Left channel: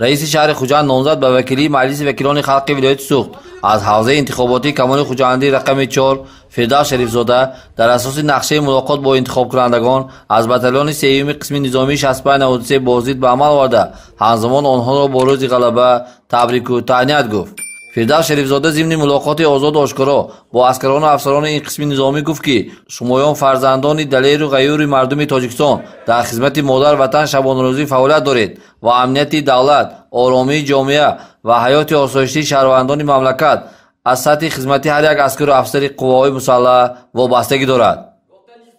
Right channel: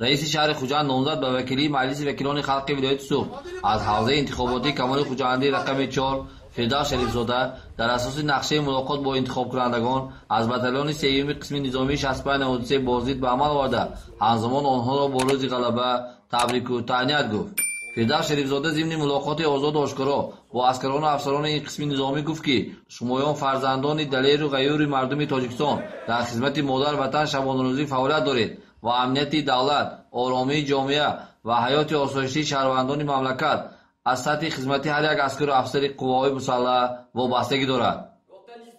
رئیس شهر خوجند نامزد به وکیلی مجلس وکیلان خلق ولایت سوخت از حوزه انتخاباتی کمال خوجندی رقم 4 فردوس شریفزاده در اساس نقشه ملاقات با انتخاب کنندگان از بتالون سیوم قسم نظامی 6593 بازدید به عمل آورده همزمان آنها را با روز غلبه تبریک و تهنیت گفت. فردوس شریفزاده ضمن ملاقات آزاد و آشکارا با اسکران و افسران این قسم نظامی گفت که شمایان فرزندان دلیر و غیور مردم تاجیکستان در خدمت مادر وطن شبانه روزی فعالیت دارید و امنیت دولت، آرامی جامعه و حیات آسایشی شهروندان مملکت از سطح خدمتی هر یک اسکر و افسر قوای مسلح وابستگی دارد.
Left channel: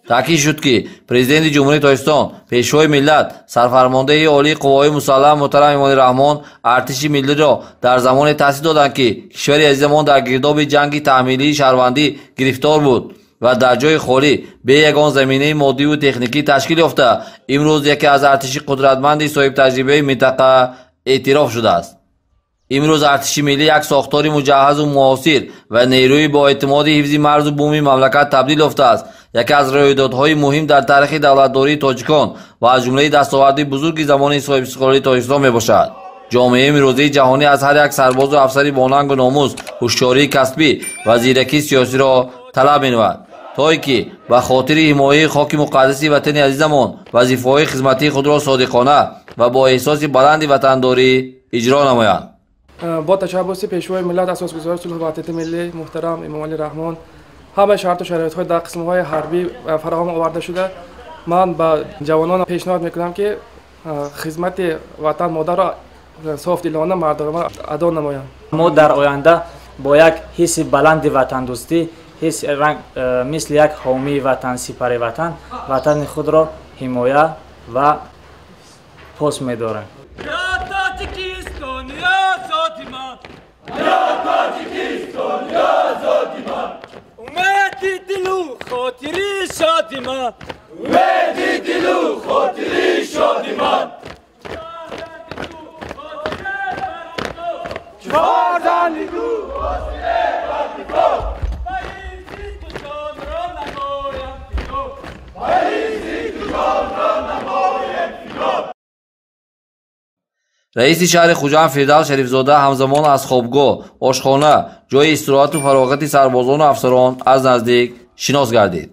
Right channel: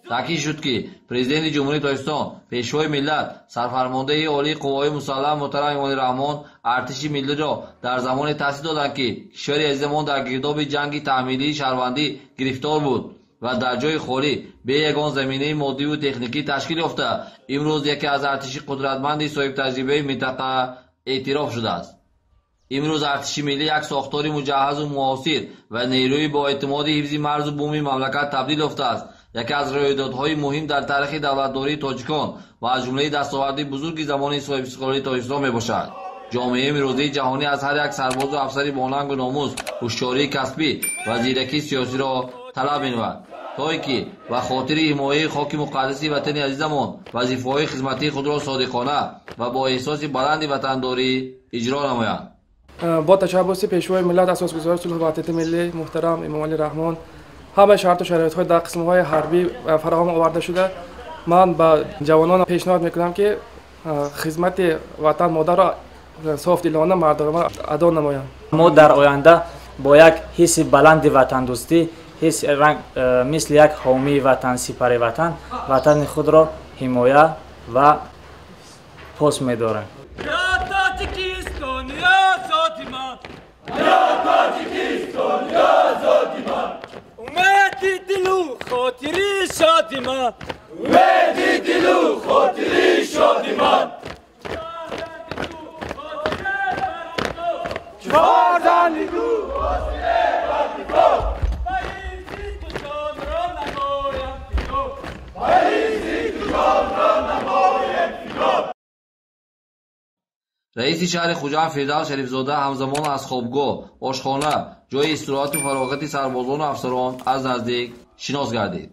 تاکید شد که پرزیدنت جمهوری تاجیکستان، پیشوای ملت، سرفرمانده عالی قوای مسلح محترم امان رحمان ارتش ملی را در زمان تأسیس دادند که کشور عزیزمان در گرداب جنگ تحمیلی شهروندی گرفتار بود و در جای خالی به یگان زمینه مادی و تکنیکی تشکیل یافته امروز یکی از ارتش قدرتمند صاحب تجربه منطقه اعتراف شده است. امروز ارتش ملی یک ساختار مجهز و معاصر و نیروی با اعتماد حفظ مرز و بومی مملکت تبدیل یافته است. یکی از رویدادهای مهم در تاریخ دولتداری تاجیکان و از جمله دستاورد بزرگ زمان صاحب استقلالی تاجیکستان میباشد. جامعه امروزی جهانی از هر یک سرباز و افسری با ننگ و ناموس، هوشیاری کسبی و زیرکی سیاسی را طلب می‌نماید تا اینکه به خاطر حمایت خاک مقدس وطن عزیزمان وظیفه‌های خدمتی خود را صادقانه و با احساس بلند وطنداری اجرا نمایند. با تشبث پیشوای ملت اساسگزار صلح و وحدت ملی محترم امام علی رحمان همه شرط و شرایط‌های در قسم‌های حربی فراهم آورده شده. من به جوانان پیشنهاد میکنم که خدمت وطن مادر را صاف دلانه مردانه ادا نمایند. ما در آینده با یک حس بلند وطن دوستی، حس رنگ مثل یک حامی وطن، سپر وطن، وطن خود را حمایت و پاس می‌داریم. رئیس شهر خوجند فردوس شریفزاده همزمان از خوابگاه، آشخانه، جای استراحت و فراغت سربازان و افسران از نزدیک شناس گردید.